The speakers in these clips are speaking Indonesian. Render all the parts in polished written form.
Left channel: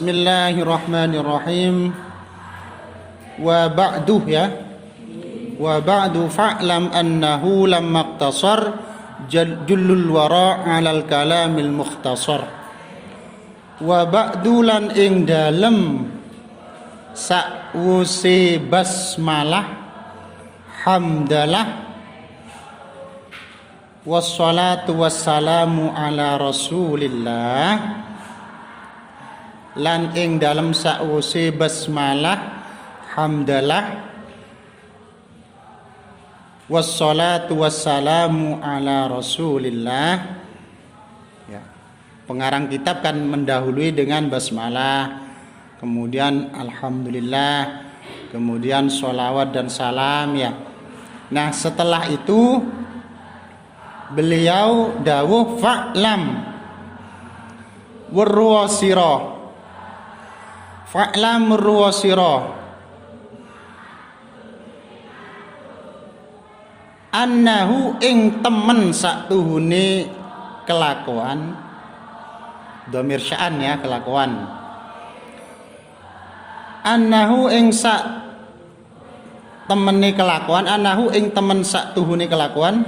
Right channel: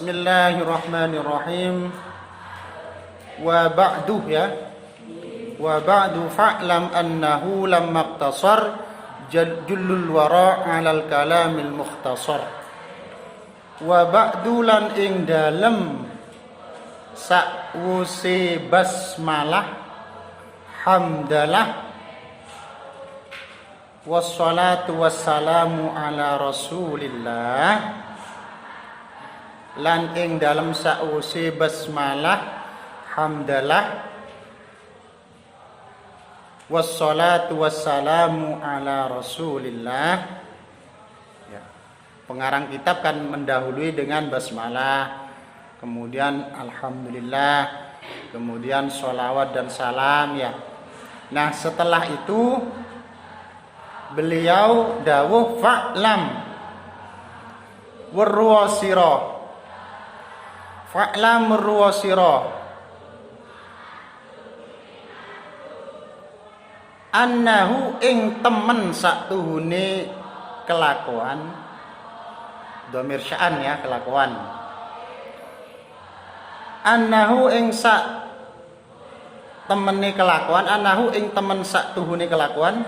Bismillahirrahmanirrahim. Wa ba'du ya. Wa ba'du fa'lam annahu lamma iqtasar jullul wara' 'alal kalamil mukhtasar. Wa ba'du lan ing dalem sakwuse basmalah hamdalah wassalatu wassalamu ala rasulillah, lan ing dalam sakwuse basmalah hamdalah wassalatu wassalamu ala rasulillah ya. Pengarang kitab kan mendahului dengan basmalah, kemudian alhamdulillah, kemudian sholawat dan salam ya. Nah setelah itu beliau dawuh fa'lam warwasira. Fa'lam warwasira annahu ing temen saktuhune kelakuan, dhamir sya'an ya, kelakuan. Annahu ing sak temene kelakuan, annahu ing temen saktuhune kelakuan,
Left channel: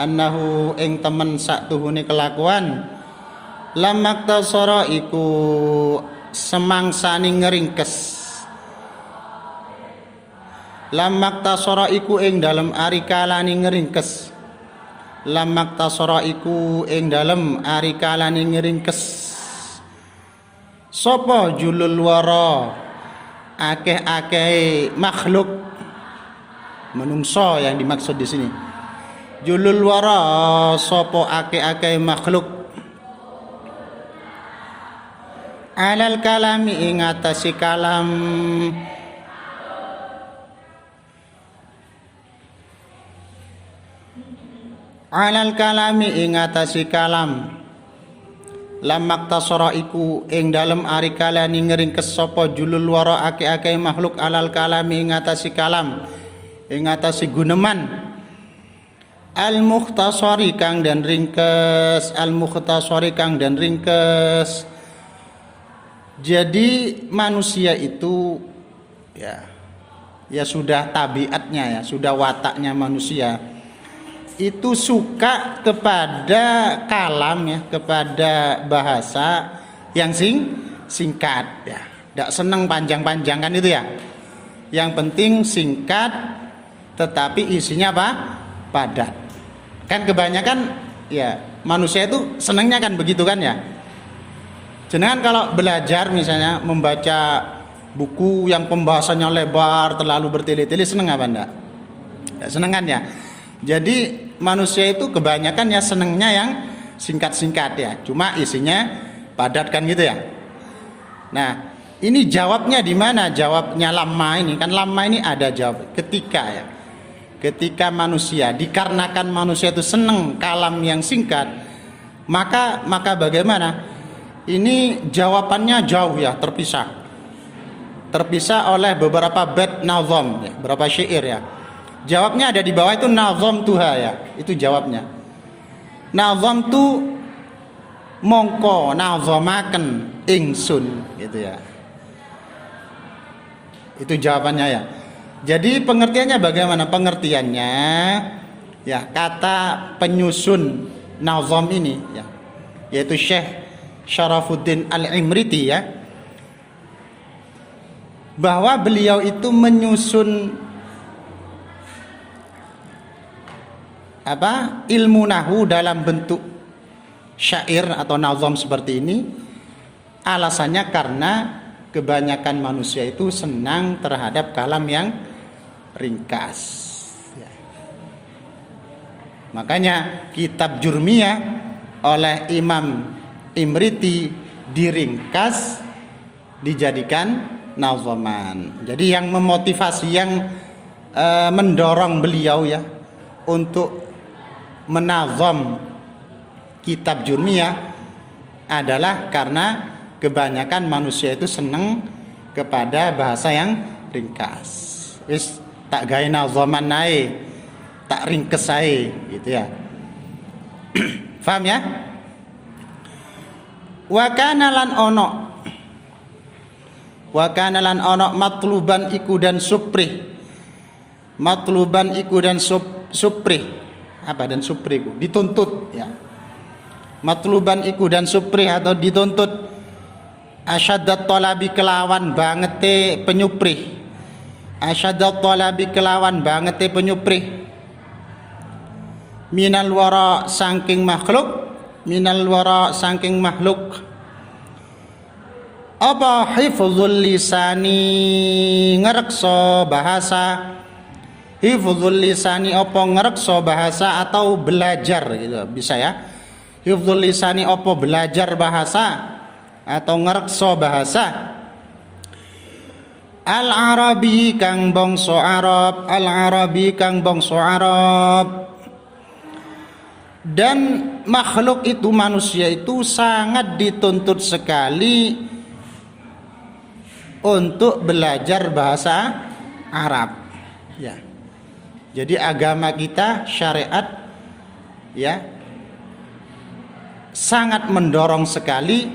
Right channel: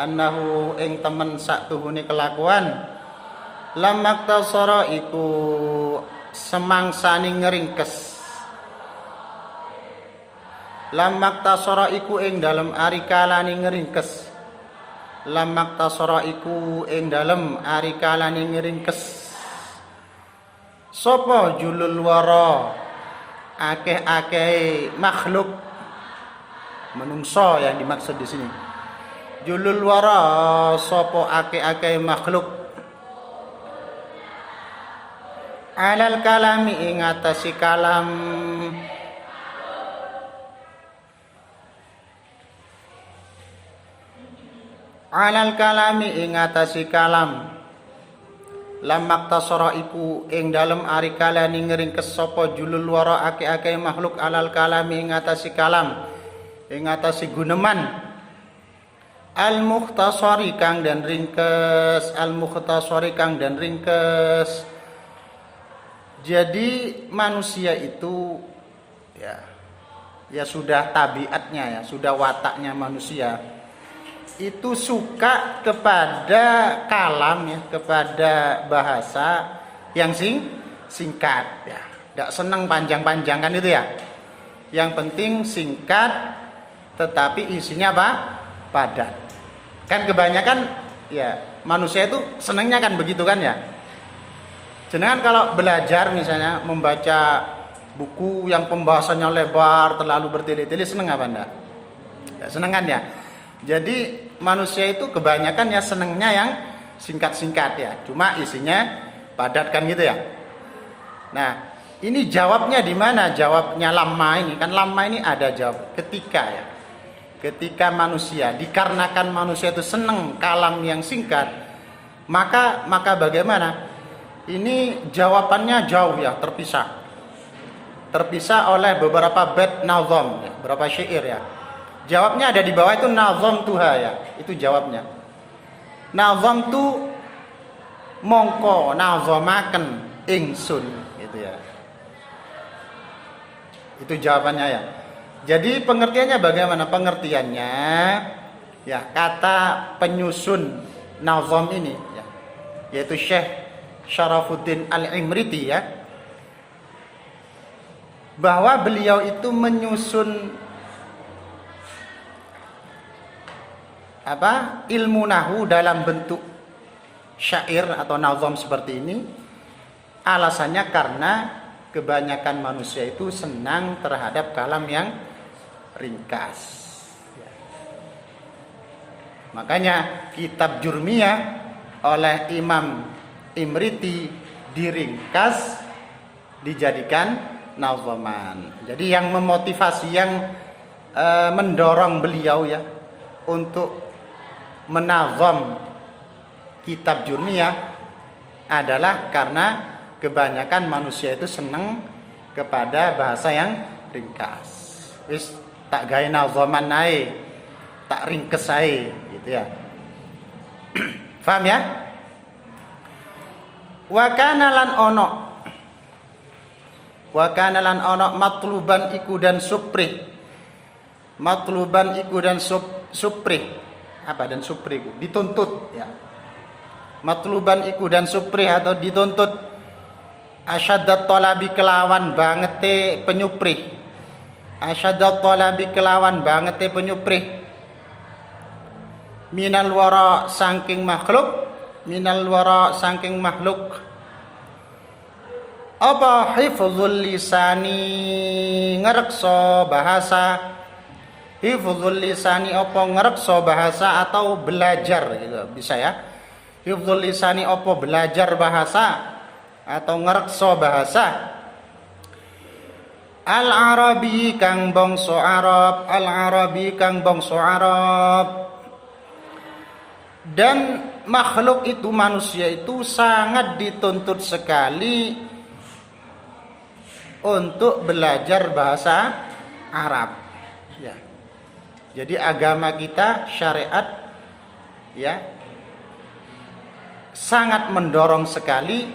annahu ing temen saktuhune kelakuan, lamaktasara iku semangsane ngeringkes, lamaktasara iku ing dalem ari kalane ngeringkes, lamaktasara iku ing dalem ari kalane ngeringkes sapa julul wara, akeh-akeh makhluk, menungso yang dimaksud di sini. Julul wara sapa akeh-akeh makhluk, alal kalami ing atase kalam, alal kalami ing atase kalam, lamaktasara iku ing dalem ari kalane ngringkes sapa julul wara akeh-akeh makhluk alal kalami ing atase kalam, ing atase guneman al mukhtasari kang dan ringkes, al mukhtasari kang dan ringkes. Jadi manusia itu ya sudah tabiatnya ya, sudah wataknya manusia itu suka kepada kalam ya, kepada bahasa yang singkat ya. Tidak senang panjang-panjang kan itu ya. Yang penting singkat tetapi isinya apa? Padat. Kan kebanyakan ya manusia itu senangnya kan begitu kan ya. Jenengan kalau belajar misalnya membaca buku yang pembahasannya lebar, terlalu bertele-tele, seneng apa enggak? Ya, seneng kan ya. Jadi manusia itu kebanyakan ya senengnya yang singkat-singkat ya. Cuma isinya padat kan gitu ya. Nah, ini jawabnya di mana? Jawabnya lama ini. Kan lama ini ada jawab ketika ya. Ketika manusia, dikarenakan manusia itu seneng kalam yang singkat, maka bagaimana? Ini jawabannya jauh ya, terpisah oleh beberapa bait nazam ya, beberapa syair ya. Jawabnya ada di bawah itu nazam tuha ya, itu jawabnya. Nazam tu mongko nazamaken ingsun gitu ya. Itu jawabannya ya. Jadi pengertiannya bagaimana? Pengertiannya ya, kata penyusun nazam ini ya, yaitu Syekh Syarafuddin Al-Imriti ya, bahwa beliau itu menyusun ilmu nahwu dalam bentuk syair atau nazam seperti ini. Alasannya karena kebanyakan manusia itu senang terhadap kalam yang ringkas ya. Makanya kitab Jurmiyah oleh Imam Imriti diringkas dijadikan nazaman. Jadi yang memotivasi, yang mendorong beliau ya untuk menazam kitab Jurmiyah adalah karena kebanyakan manusia itu senang kepada bahasa yang ringkas. Wis tak gawe nazaman ae, tak ringkes ae gitu ya. Paham ya? Wa kana lan ono matluban iku dan suprih. Matluban iku dan suprih. Apa dan suprih iku? Dituntut ya. Matluban iku dan suprih atau dituntut asyaddat talabi kelawan bangete penyuprih. Asyaddat talabi kelawan bangete penyuprih. Minal wara saking makhluk. Minal wara saking makhluk. Apa hifdzul lisani ngrekso bahasa. Hifdzul lisani apa ngrekso bahasa atau belajar gitu bisa ya. Hifdzul lisani apa belajar bahasa atau ngrekso bahasa. Al-Arabi kang bangsa Arab, Al-Arabi kang bangsa Arab. Dan makhluk itu manusia itu sangat dituntut sekali untuk belajar bahasa Arab ya. Jadi agama kita syariat ya sangat mendorong sekali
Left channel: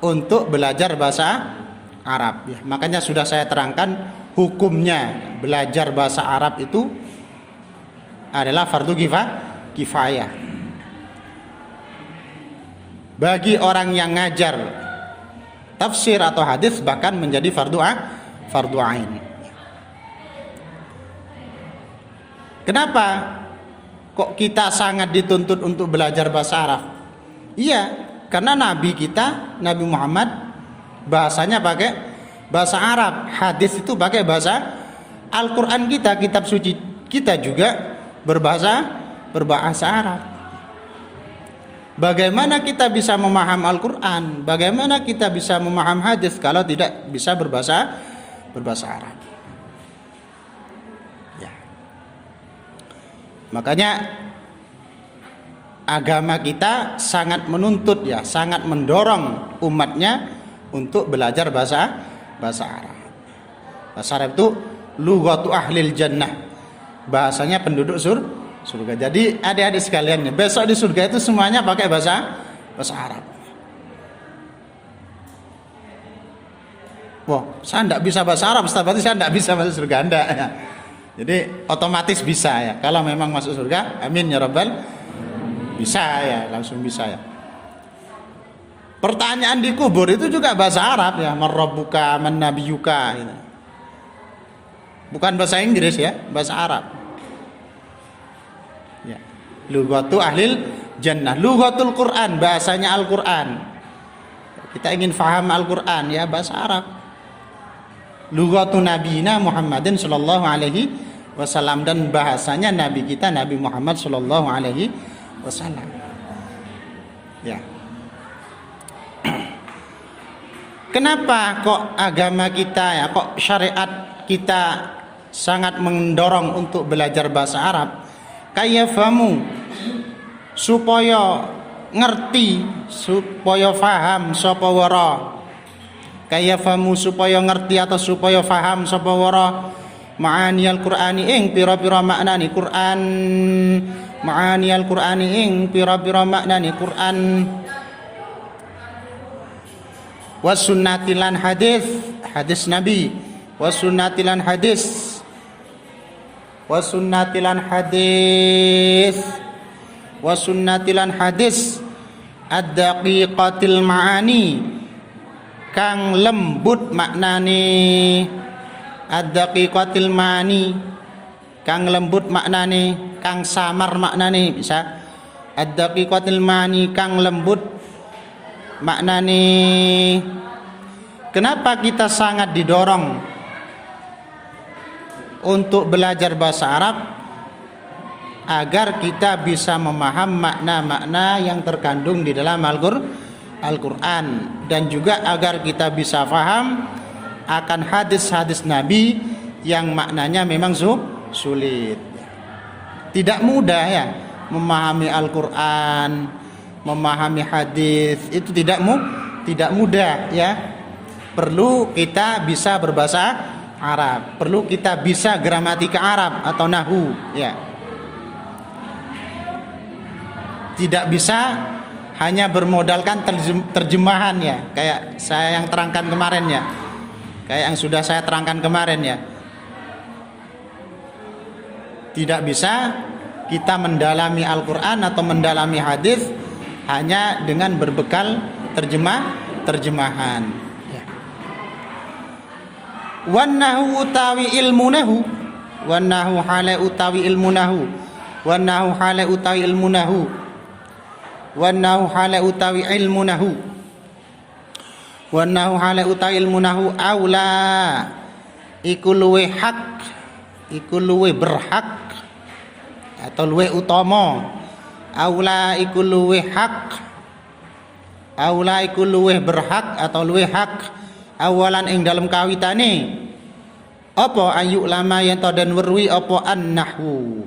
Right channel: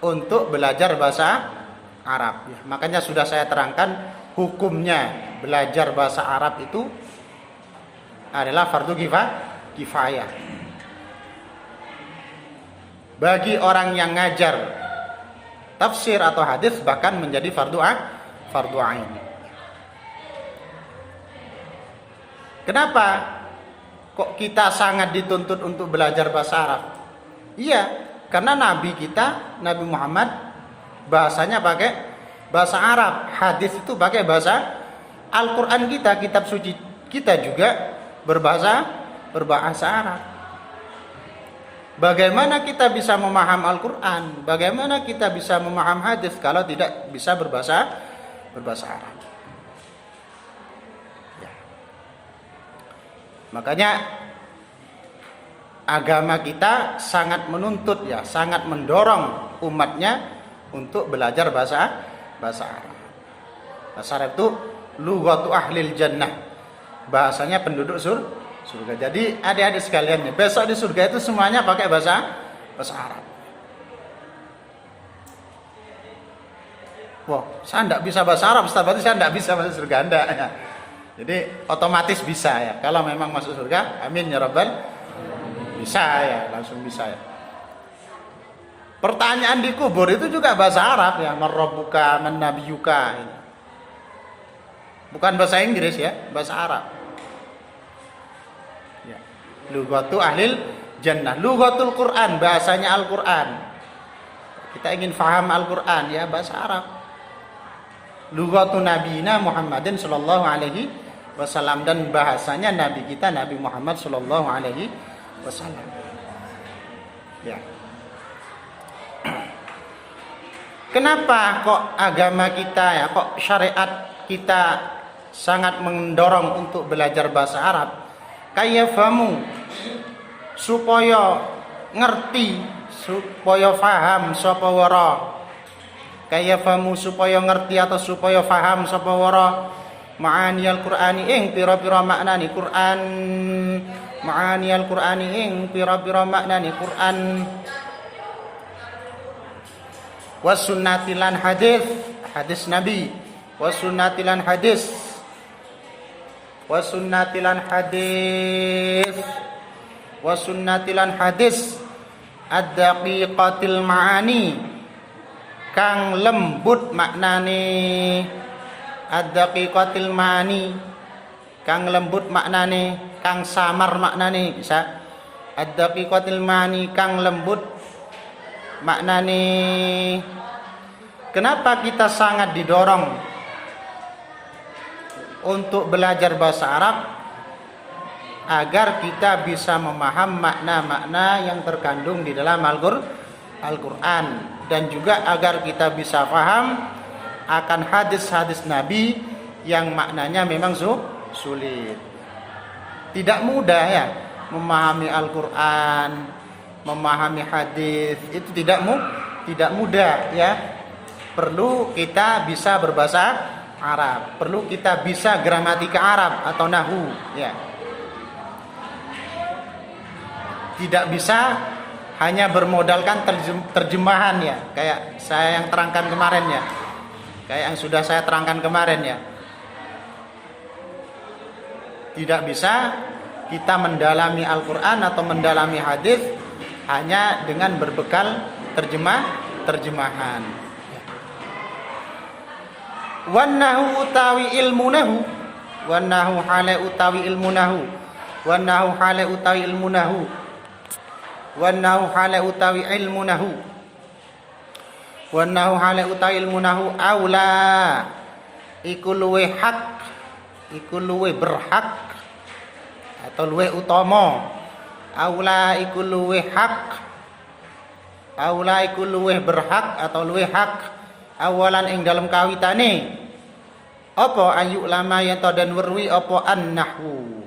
untuk belajar bahasa Arab ya. Makanya sudah saya terangkan hukumnya belajar bahasa Arab itu adalah fardu kifayah. Bagi orang yang ngajar tafsir atau hadis bahkan menjadi fardu ain. Kenapa kok kita sangat dituntut untuk belajar bahasa Arab? Iya, karena Nabi kita, Nabi Muhammad bahasanya pakai bahasa Arab, hadis itu pakai bahasa Al-Qur'an kita, kitab suci kita juga berbahasa Arab. Bagaimana kita bisa memaham Al-Quran? Bagaimana kita bisa memaham hadis kalau tidak bisa berbahasa Arab? Ya. Makanya agama kita sangat menuntut ya, sangat mendorong umatnya untuk belajar bahasa Arab. Bahasa Arab itu lughatu ahlil jannah. Bahasanya penduduk surga. Jadi adik-adik sekalian, besok di surga itu semuanya pakai bahasa Arab. Wah, saya tidak bisa bahasa Arab, berarti saya tidak bisa masuk surga. Anda. Jadi otomatis bisa ya. Kalau memang masuk surga, amin ya rabbal, bisa ya, langsung bisa ya. Pertanyaan di kubur itu juga bahasa Arab ya, marrabbuka man nabiyuka. Bukan bahasa Inggris ya, bahasa Arab. Ya. Lughatu ahlil jannah, lughatul Quran, bahasanya Al-Quran. Kita ingin faham Al-Quran ya, bahasa Arab. Lughatu nabiyina Muhammadin sallallahu alaihi wasallam, dan bahasanya nabi kita Nabi Muhammad sallallahu alaihi wasallam. Ya. Kenapa kok agama kita ya, kok syariat kita sangat mendorong untuk belajar bahasa Arab? Kayafamu, supaya ngerti, supaya faham sapa wara. Kayafamu, supaya ngerti atau supaya faham sapa wara ma'ani al-Qur'ani ing pira-pira maknani Qur'an. Ma'ani al-Qur'ani ing pira-pira maknani Qur'an. Wasunnatilan hadis, hadis Nabi. Wasunnatilan hadis. Wasunnatilan hadis. Wasunnatilan hadis. Ad-daqiqatil ma'ani, kang lembut maknane. Ad-daqiqatil ma'ani, kang lembut maknane, kang samar maknane, bisa. Ad-daqiqatil ma'ani, kang lembut maknane. Kenapa kita sangat didorong untuk belajar bahasa Arab? Agar kita bisa memaham makna-makna yang terkandung di dalam Al-Quran, dan juga agar kita bisa paham akan hadis-hadis Nabi yang maknanya memang sulit. Tidak mudah ya memahami Al-Quran, memahami hadis, itu tidak mudah ya. Perlu kita bisa berbahasa Arab, perlu kita bisa gramatika Arab atau nahwu ya. Tidak bisa hanya bermodalkan terjemahan ya, kayak saya yang terangkan kemarin ya, kayak yang sudah saya terangkan kemarin ya. Tidak bisa kita mendalami Al-Quran atau mendalami hadis hanya dengan berbekal terjemahan. Wannahu utawi ilmunahu, wannahu hale utawi ilmunahu, wannahu hale utawi ilmunahu, wannahu hale utawi ilmunahu, wannahu hale utawi ilmunahu aula iku luwe hak, iku luwe berhak atau luwe utama, aula iku luwe hak, aula iku luwe berhak atau luwe hak awalan ing dalam kawitane apa ayu lama yen to den werwi apa annahu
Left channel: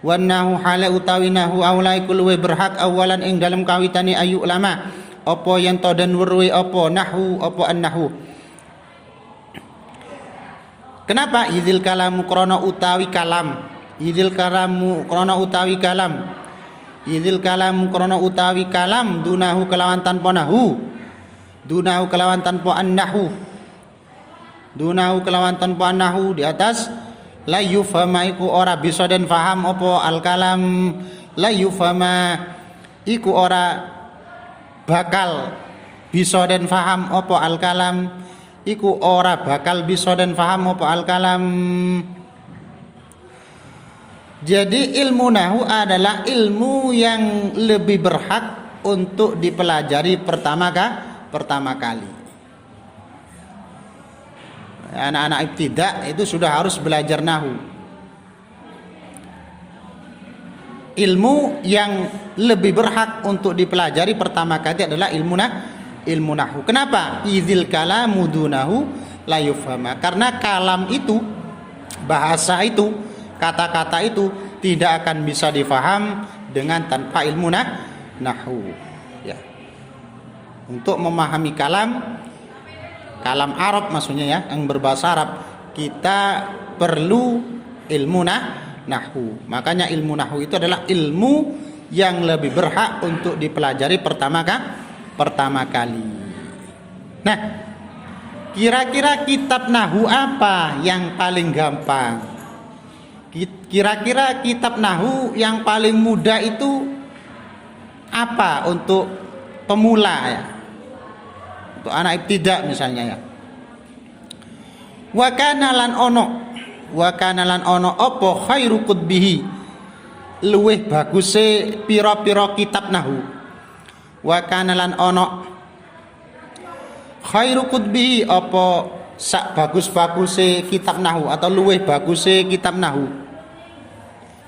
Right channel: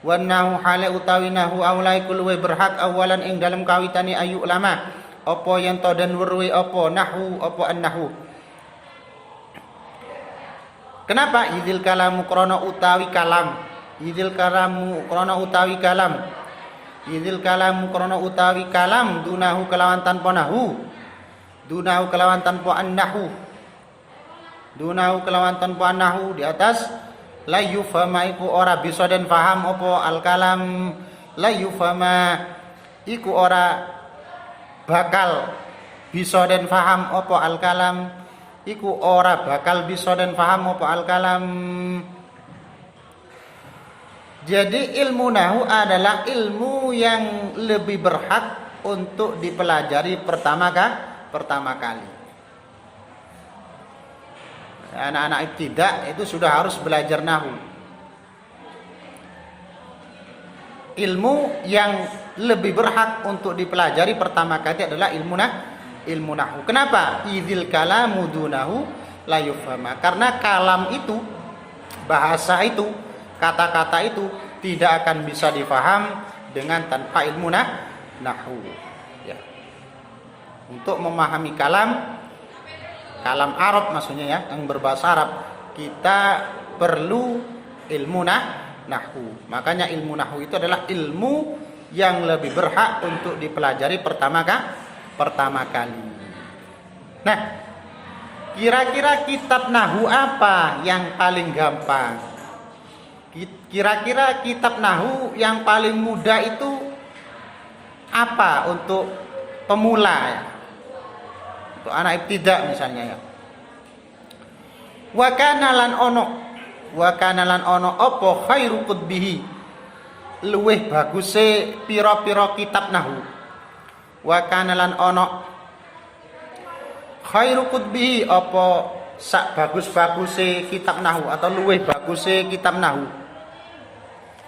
wannahu hale utawi nahu aula iku luwe berhak awalan ing dalam kawitane ayu lama apa yen to den werwi apa nahu apa annahu. Kenapa? Idzil kalamu krana utawi kalam, idzil kalamu krana utawi kalam, idzil kalamu krana utawi kalam dunahu kelawan tanpa nahu, dunahu kelawan tanpa annahu, dunahu kelawan tanpa annahu di atas la yufhama iku ora bisa den faham apa al kalam, la yufhama iku ora bakal bisa den faham apa al kalam, iku ora bakal bisa den faham apa al kalam. Jadi ilmu nahu adalah ilmu yang lebih berhak untuk dipelajari pertama kali. Anak-anak ibtidak itu sudah harus belajar nahu. Ilmu yang lebih berhak untuk dipelajari pertama kali adalah ilmu nahu. Kenapa? Idzil kalamu dunahu la yufhama. Karena kalam itu, bahasa itu, kata-kata itu tidak akan bisa difaham dengan tanpa ilmu nahu. Ya. Untuk memahami kalam Arab maksudnya ya, yang berbahasa Arab, kita perlu ilmu nahwu. Makanya ilmu nahwu itu adalah ilmu yang lebih berhak untuk dipelajari pertama kali. Nah, kira-kira kitab nahwu apa yang paling gampang? Kira-kira kitab nahwu yang paling mudah itu apa untuk pemula ya? Untuk anak ibtidak misalnya ya. Wa kana lan ono apa khairu kutbihi, luweh baguse pira-pira kitab nahwu. Wa kana lan ono khairu kutbihi apa sak bagus-baguse kitab nahwu atau luweh baguse kitab nahwu.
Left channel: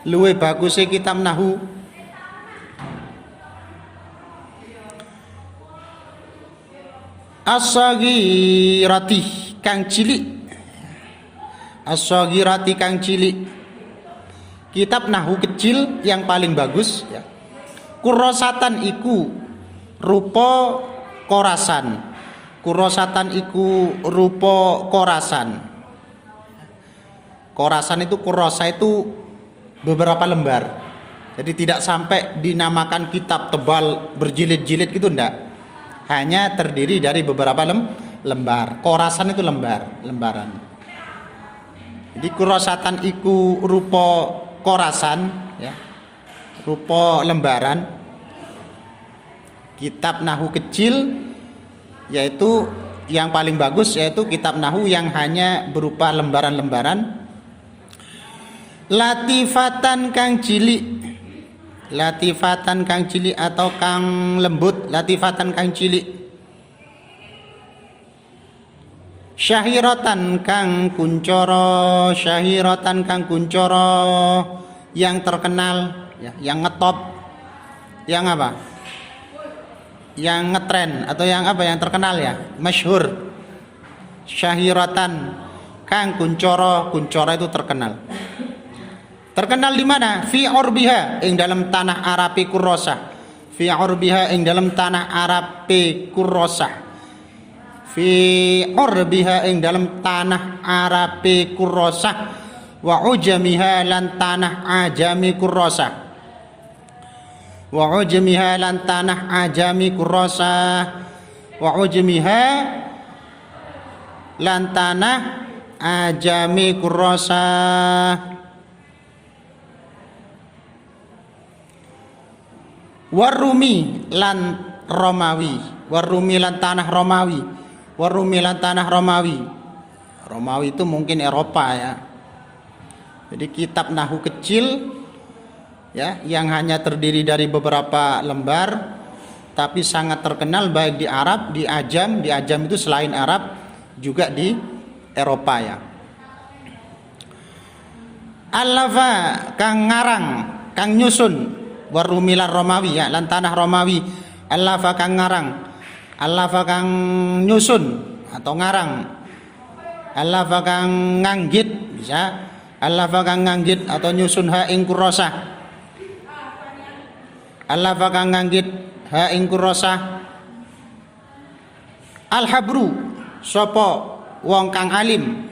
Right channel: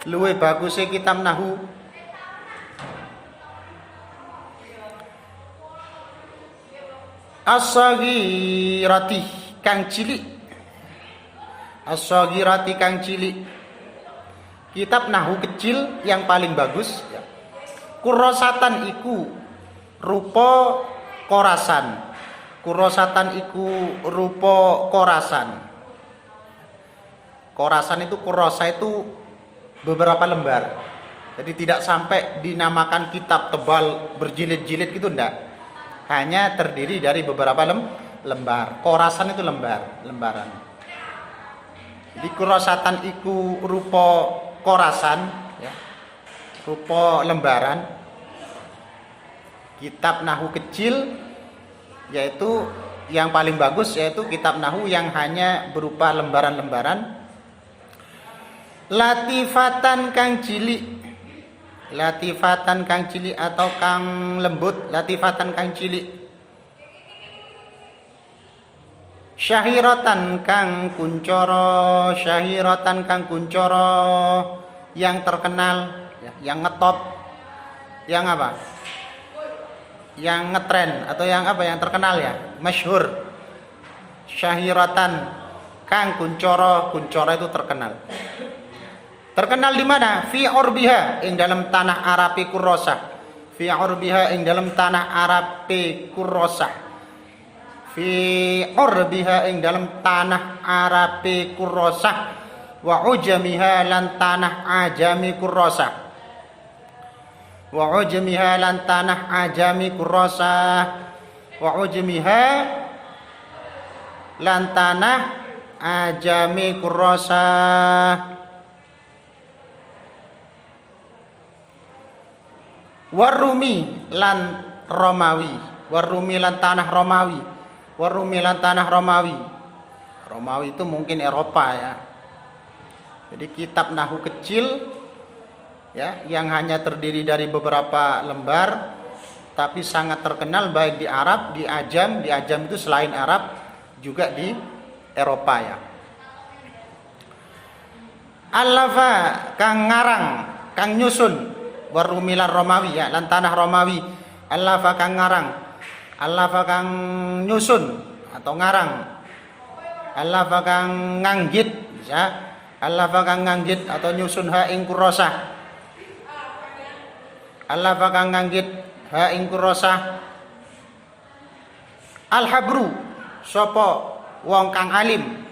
Luweh baguse kitab nahwu as-saghirati kang cilik, as-saghirati kang cilik, kitab nahwu kecil yang paling bagus ya. Kurosatan iku rupa korasan, kurosatan iku rupa korasan. Korasan itu, kurosa itu beberapa lembar, jadi tidak sampai dinamakan kitab tebal berjilid-jilid gitu, enggak. Hanya terdiri dari beberapa lembar. Korasan itu lembaran. Jadi kurosatan iku rupa korasan ya, rupa lembaran. Kitab nahwu kecil yaitu yang paling bagus, yaitu kitab nahwu yang hanya berupa lembaran-lembaran. Latifatan kang cilik, latifatan kang cilik atau kang lembut, latifatan kang cilik. Syahiratan kang kuncoro, syahiratan kang kuncoro, yang terkenal ya, yang ngetop, yang apa, yang ngetren atau yang apa, yang terkenal ya, masyhur. Syahiratan kang kuncoro, kuncoro itu terkenal. Terkenal di mana? Fi urbiha, ing dalam tanah Arabi kurrosah. Fi urbiha, ing dalam tanah Arabi kurrosah. Fi urbiha, ing dalam tanah Arabi kurrosah. Wa ujamiha, lan tanah ajami kurrosah. wa ujmiha lan tanah ajami kurrasah, wa ujmiha lan tanah ajami kurrasah, warumi lan Romawi, warumi lan tanah Romawi, warumi lan tanah Romawi. Romawi itu mungkin Eropa ya. Jadi kitab nahu kecil ya, yang hanya terdiri dari beberapa lembar, tapi sangat terkenal baik di Arab, di Ajam itu selain Arab juga di Eropa ya. Allafa kang ngarang, kang nyusun, warumilan Romawi ya, lan tanah Romawi. Allafa kang ngarang, allafa kang nyusun atau ngarang, allafa kang nganggit bisa, allafa kang nganggit atau nyusun ha ing kurrasah, allafa kang nganggit ha ing kurrasah. Al-habru sapa wong kang alim,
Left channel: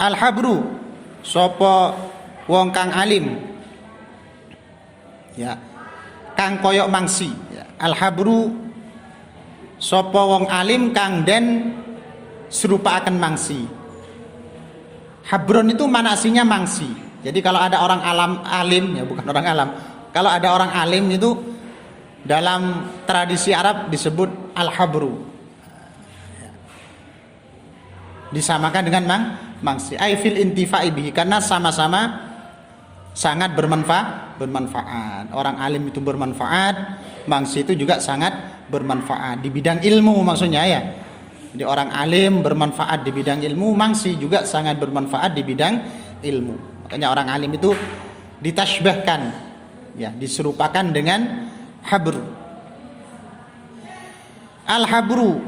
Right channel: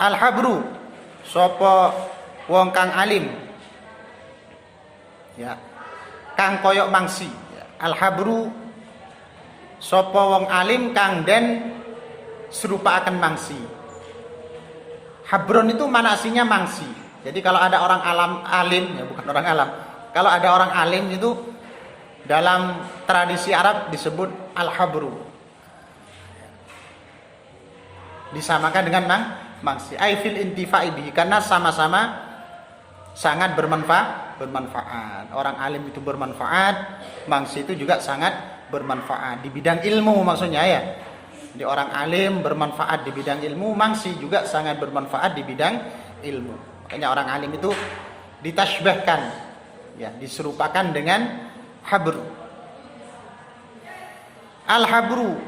al-habru sapa wong kang alim ya, kang koyok mangsi ya. Al-habru sapa wong alim kang den serupaaken mangsi. Habron itu manasinya mangsi. Jadi kalau ada orang alim ya, bukan orang alam, kalau ada orang alim itu dalam tradisi Arab disebut al-habru, disamakan dengan mangsi. Ai fil intifa'i bihi, karena sama-sama sangat bermanfaat. Orang alim itu bermanfaat, mangsi itu juga sangat bermanfaat di bidang ilmu maksudnya ya. Jadi orang alim bermanfaat di bidang ilmu, mangsi juga sangat bermanfaat di bidang ilmu. Makanya orang alim itu ditasbihkan ya, diserupakan dengan habru. Al-habru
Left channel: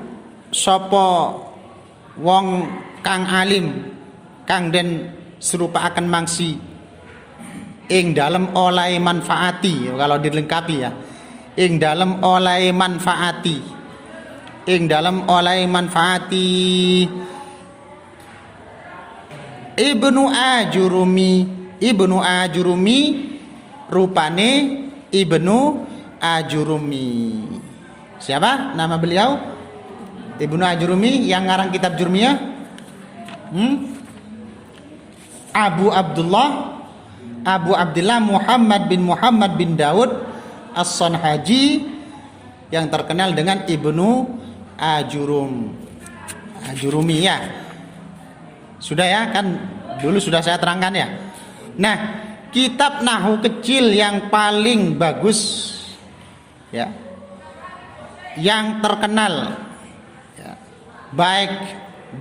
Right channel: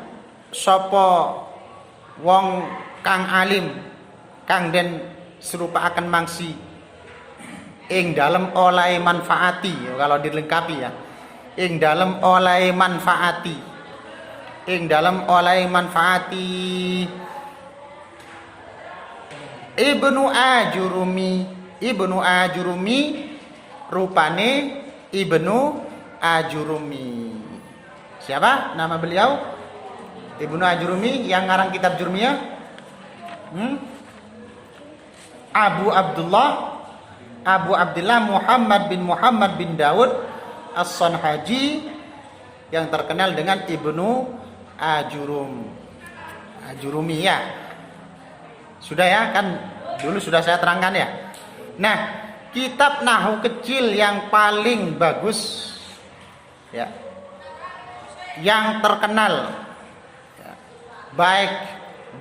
sapa wong kang alim kang den serupaaken mangsi ing dalem oleh manfaati, kalau dilengkapi ya, ing dalem oleh manfaati, ing dalem oleh manfaati. Ibnu Ajurumi rupane Ibnu Ajurumi. Siapa nama beliau? Ibnu Ajurumi yang ngarang kitab Jurmiyah. Abu Abdullah Muhammad bin Daud As-Sanhaji, yang terkenal dengan Ibnu Ajurumi ya. Sudah ya, kan dulu sudah saya terangkan ya. Nah, kitab nahu kecil yang paling bagus ya, yang terkenal ya, baik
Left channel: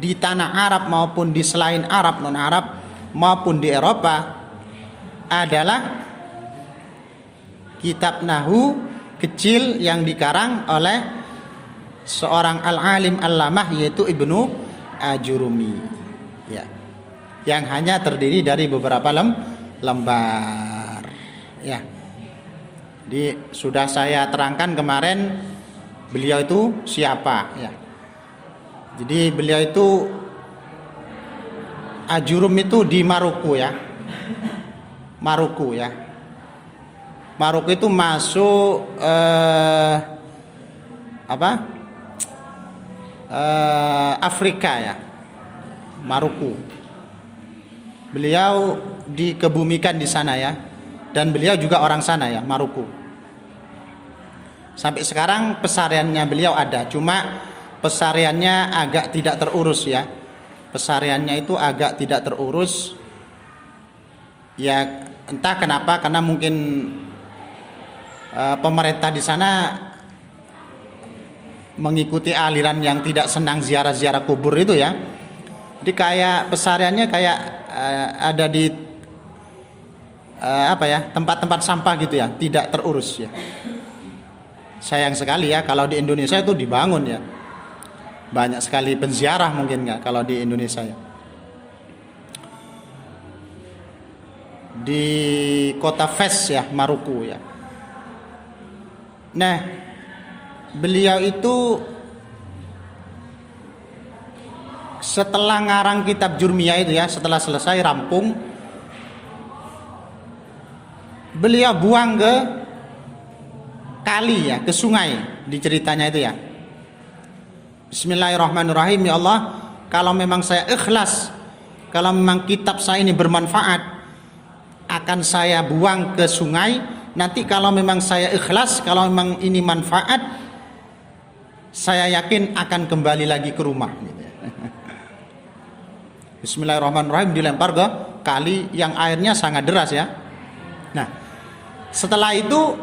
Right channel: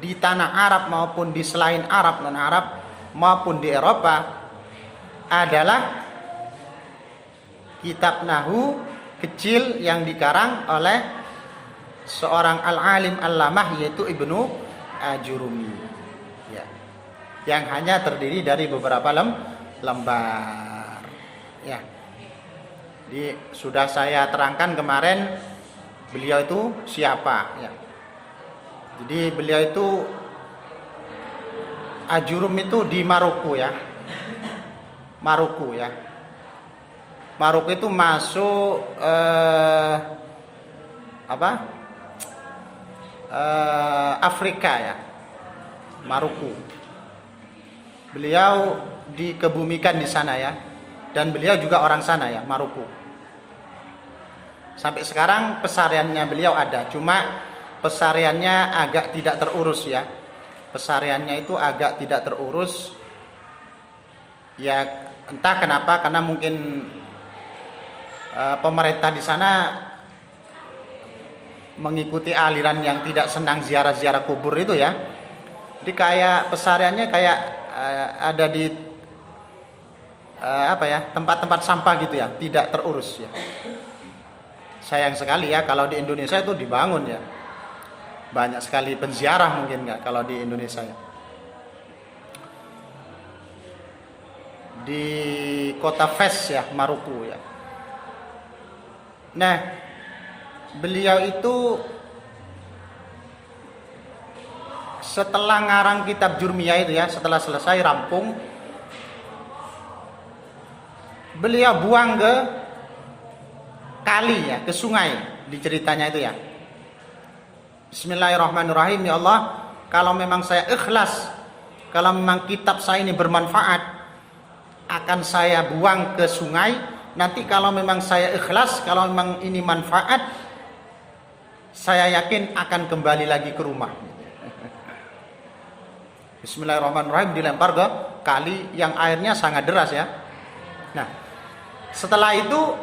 di tanah Arab maupun di selain Arab, non Arab maupun di Eropa, adalah kitab nahu kecil yang dikarang oleh seorang al-alim al-lamah, yaitu Ibnu Ajurumi ya, yang hanya terdiri dari beberapa lembar ya. Jadi sudah saya terangkan kemarin beliau itu siapa ya. Jadi beliau itu Ajurum itu di Maroko ya. Maroko ya. Maroko itu masuk Afrika ya. Maroko. Beliau dikebumikan di sana ya. Dan beliau juga orang sana ya, Maroko. Sampai sekarang pesariannya beliau ada, cuma pesariannya agak tidak terurus ya. Pesariannya itu agak tidak terurus. Ya entah kenapa, karena mungkin pemerintah di sana mengikuti aliran yang tidak senang ziarah-ziarah kubur itu ya. Jadi kayak pesariannya kayak ada di tempat-tempat sampah gitu ya, tidak terurus ya. Sayang sekali ya, kalau di Indonesia itu dibangun ya, banyak sekali penziarah mungkin nggak kalau di Indonesia ya. Di kota Fes ya, Maroko ya. Nah, beliau itu setelah ngarang kitab Jurmiyah itu ya, setelah selesai rampung, beliau buang ke kali ya, ke sungai di ceritanya itu ya. Bismillahirrahmanirrahim. Ya Allah, kalau memang saya ikhlas, kalau memang kitab saya ini bermanfaat, akan saya buang ke sungai. Nanti kalau memang saya ikhlas, kalau memang ini manfaat, saya yakin akan kembali lagi ke rumah. Bismillahirrahmanirrahim, dilempar ke kali yang airnya sangat deras ya. Nah, setelah itu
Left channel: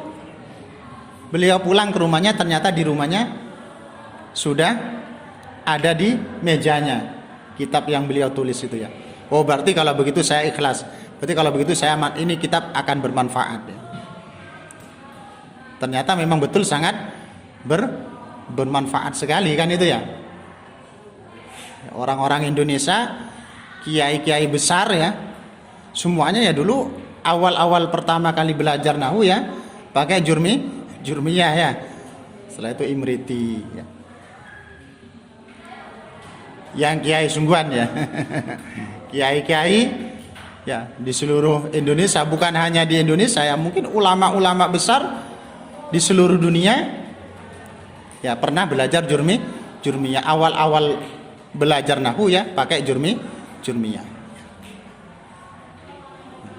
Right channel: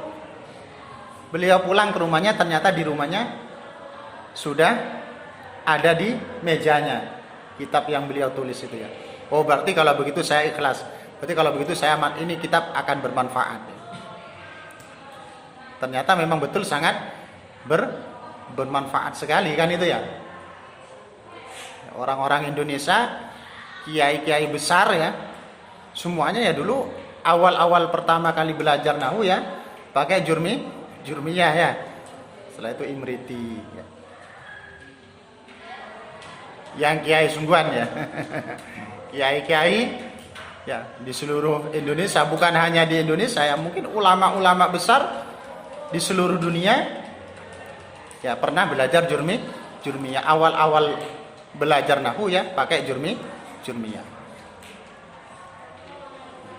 beliau pulang ke rumahnya, ternyata di rumahnya sudah ada di mejanya kitab yang beliau tulis itu ya. Oh, berarti kalau begitu saya ikhlas. Berarti kalau begitu saya ini kitab akan bermanfaat ya. Ternyata memang betul sangat bermanfaat sekali kan itu ya. Orang-orang Indonesia, kiai-kiai besar ya, semuanya ya dulu awal-awal pertama kali belajar nahwu ya pakai jurmiyah ya. Setelah itu imriti ya. Yang kiai sungguhan ya. Kiai-kiai ya di seluruh Indonesia, bukan hanya di Indonesia ya, mungkin ulama-ulama besar di seluruh dunia ya pernah belajar jurmiyah. Awal-awal belajar nahwu ya pakai jurmiyah.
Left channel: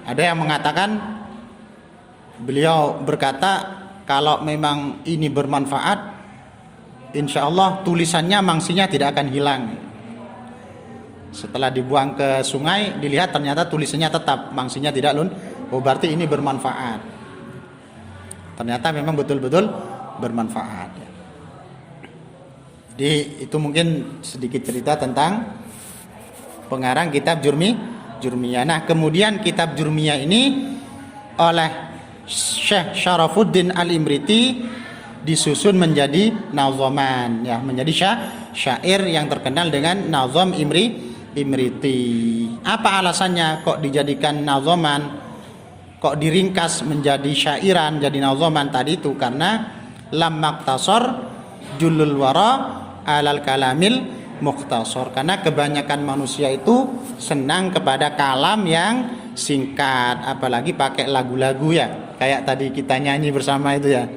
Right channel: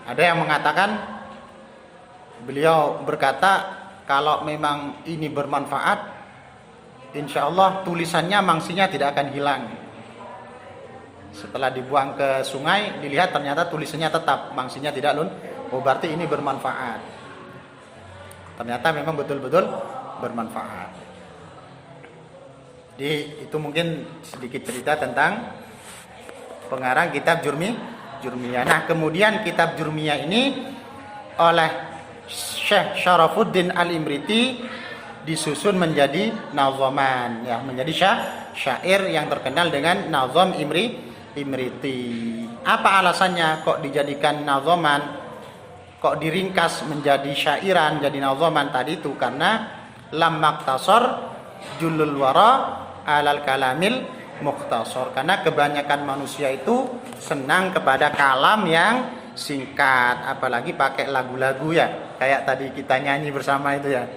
Ada yang mengatakan, beliau berkata, kalau memang ini bermanfaat, insya Allah tulisannya mangsinya tidak akan hilang. Setelah dibuang ke sungai, dilihat ternyata tulisannya tetap, mangsinya tidak oh berarti ini bermanfaat. Ternyata memang betul-betul bermanfaat. Jadi itu mungkin sedikit cerita tentang pengarang kitab jurmiyah. Nah, kemudian kitab jurmiyah ini oleh Syekh Syarafuddin Al-Imriti disusun menjadi nazoman ya, menjadi syair yang terkenal dengan nazom Imriti. Apa alasannya kok dijadikan nazoman, kok diringkas menjadi syairan, jadi nazoman tadi itu? Karena lam maktasor julul wara alal kalamil mukhtasar, karena kebanyakan manusia itu senang kepada kalam yang singkat, apalagi pakai lagu-lagu ya, kayak tadi kita nyanyi bersama itu ya.